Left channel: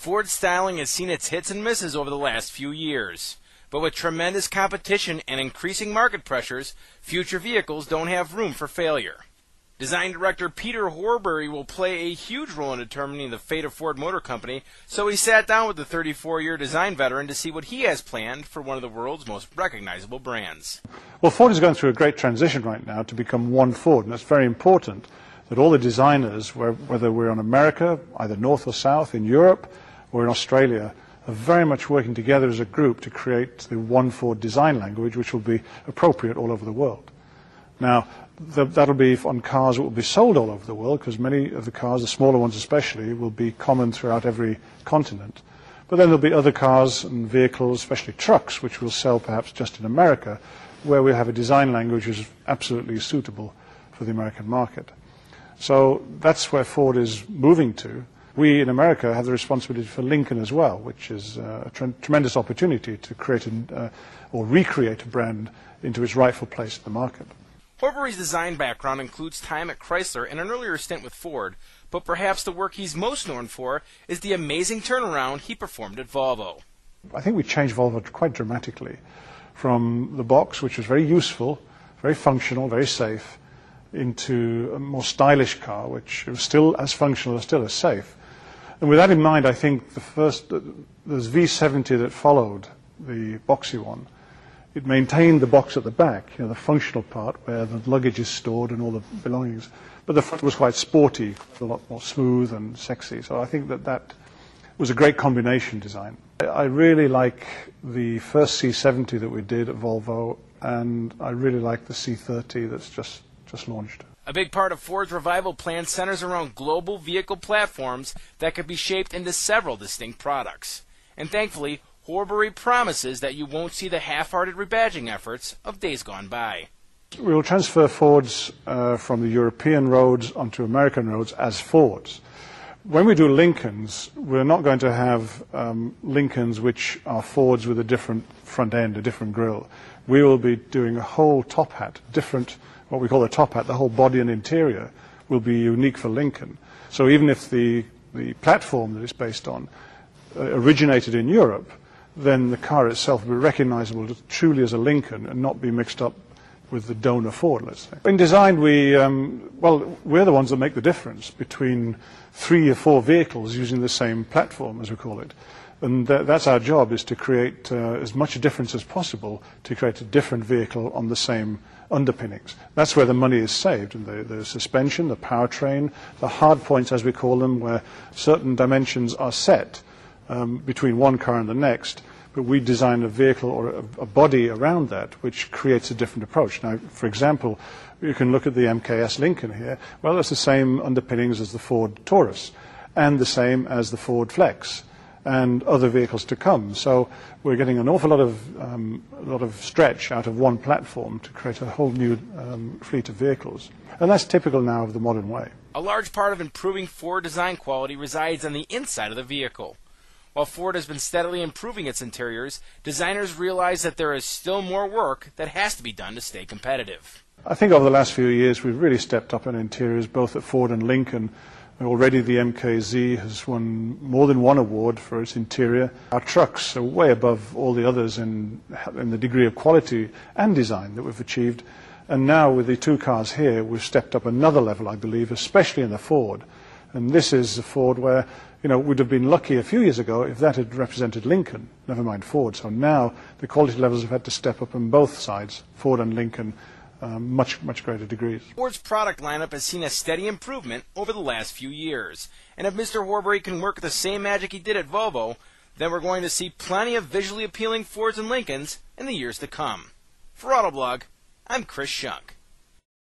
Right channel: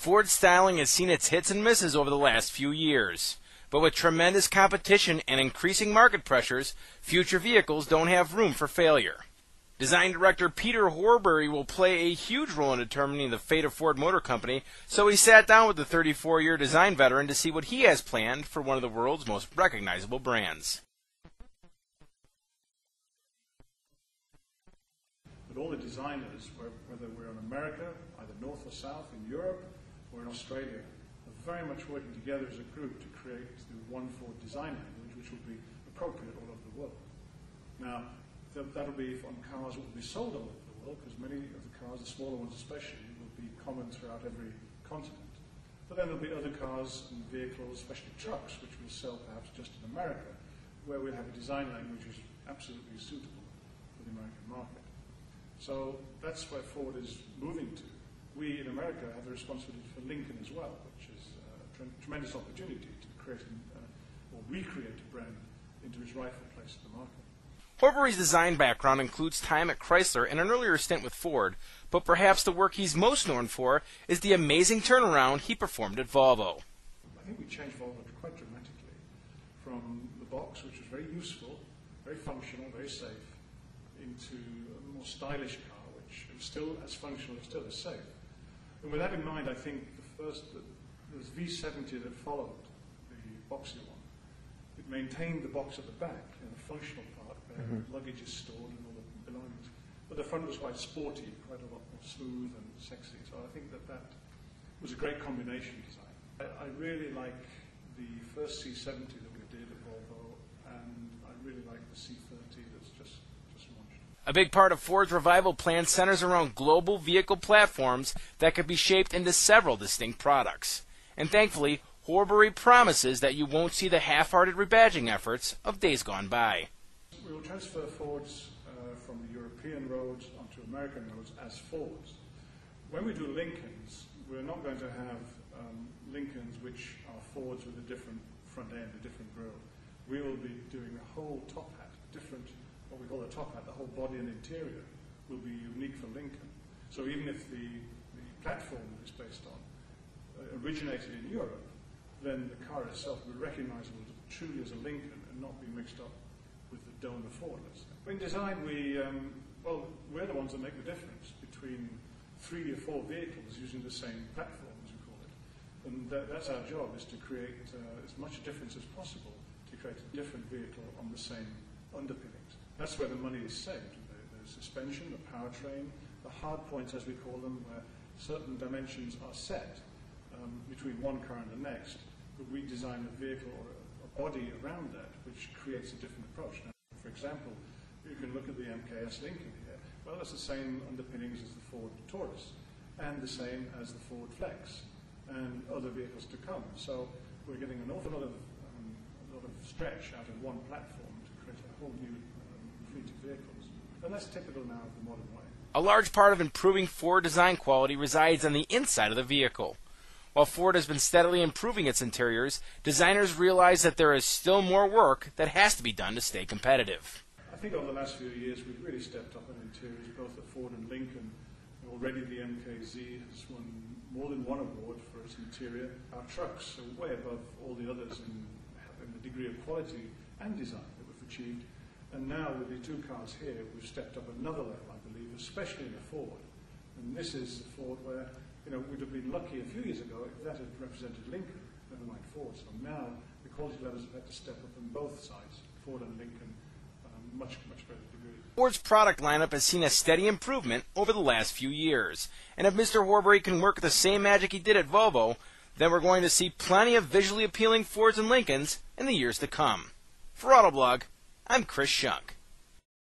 Ford's styling has seen its hits and misses over the last few years. But with tremendous competition and increasing market pressures, future vehicles don't have room for failure. Design director Peter Horbury will play a huge role in determining the fate of Ford Motor Company, so he sat down with the 34-year design veteran to see what he has planned for one of the world's most recognizable brands. Well, Ford is going through a great transition right now to become one Ford, and it's very important that all the designers, whether we're in America, either north or south, in Europe or in Australia, are very much working together as a group to create the one Ford design language, which will be appropriate all over the world. Now, that'll be on cars that will be sold all over the world, because many of the cars, the smaller ones especially, will be common throughout every continent. But then there'll be other cars and vehicles, especially trucks, which will sell perhaps just in America, where we have a design language which is absolutely suitable for the American market. So that's where Ford is moving to. We in America have the responsibility for Lincoln as well, which is a tremendous opportunity to create or recreate a brand into its rightful place in the market. Horbury's design background includes time at Chrysler and an earlier stint with Ford, but perhaps the work he's most known for is the amazing turnaround he performed at Volvo. I think we changed Volvo quite dramatically from the box, which was very useful, very functional, very safe, into a more stylish car, which was still as functional and still as safe. And with that in mind, I think there's V70 that followed the boxy one. It maintained the box at the back, the functional part where the luggage is stored and all the belongings. But the front was quite sporty, a lot more smooth and sexy. So I think that was a great combination design. I really like the first C70 that we did at Volvo, and I really like the C30 that's just launched. A big part of Ford's revival plan centers around global vehicle platforms that could be shaped into several distinct products. And thankfully, Horbury promises that you won't see the half-hearted rebadging efforts of days gone by. We will transfer Fords from the European roads onto American roads as Fords. When we do Lincolns, we're not going to have Lincolns which are Fords with a different front end, a different grille. We will be doing a whole top hat, what we call a top hat, the whole body and interior will be unique for Lincoln. So even if the platform that it's based on originated in Europe, then the car itself will be recognizable truly as a Lincoln and not be mixed up with the donor Ford, let's say. In design, we're the ones that make the difference between 3 or 4 vehicles using the same platform, as we call it. And that's our job, is to create as much difference as possible to create a different vehicle on the same underpinnings. That's where the money is saved, and the suspension, the powertrain, the hard points, as we call them, where certain dimensions are set between one car and the next, but we design a vehicle or a body around that which creates a different approach. Now, for example, you can look at the MKS Lincoln here. Well, it's the same underpinnings as the Ford Taurus and the same as the Ford Flex and other vehicles to come. So we're getting an awful lot of stretch out of one platform to create a whole new fleet of vehicles. And that's typical now of the modern way. A large part of improving Ford design quality resides on the inside of the vehicle. While Ford has been steadily improving its interiors, designers realize that there is still more work that has to be done to stay competitive. I think over the last few years we've really stepped up in interiors, both at Ford and Lincoln. Already the MKZ has won more than one award for its interior. Our trucks are way above all the others in the degree of quality and design that we've achieved. And now with the 2 cars here, we've stepped up another level, I believe, especially in the Ford. And this is a Ford where, we'd have been lucky a few years ago if that had represented Lincoln, never mind Ford. So now the quality levels have had to step up on both sides, Ford and Lincoln, much greater degrees. Ford's product lineup has seen a steady improvement over the last few years. And if Mr. Horbury can work the same magic he did at Volvo, then we're going to see plenty of visually appealing Fords and Lincolns in the years to come. For Autoblog, I'm Chris Shunk.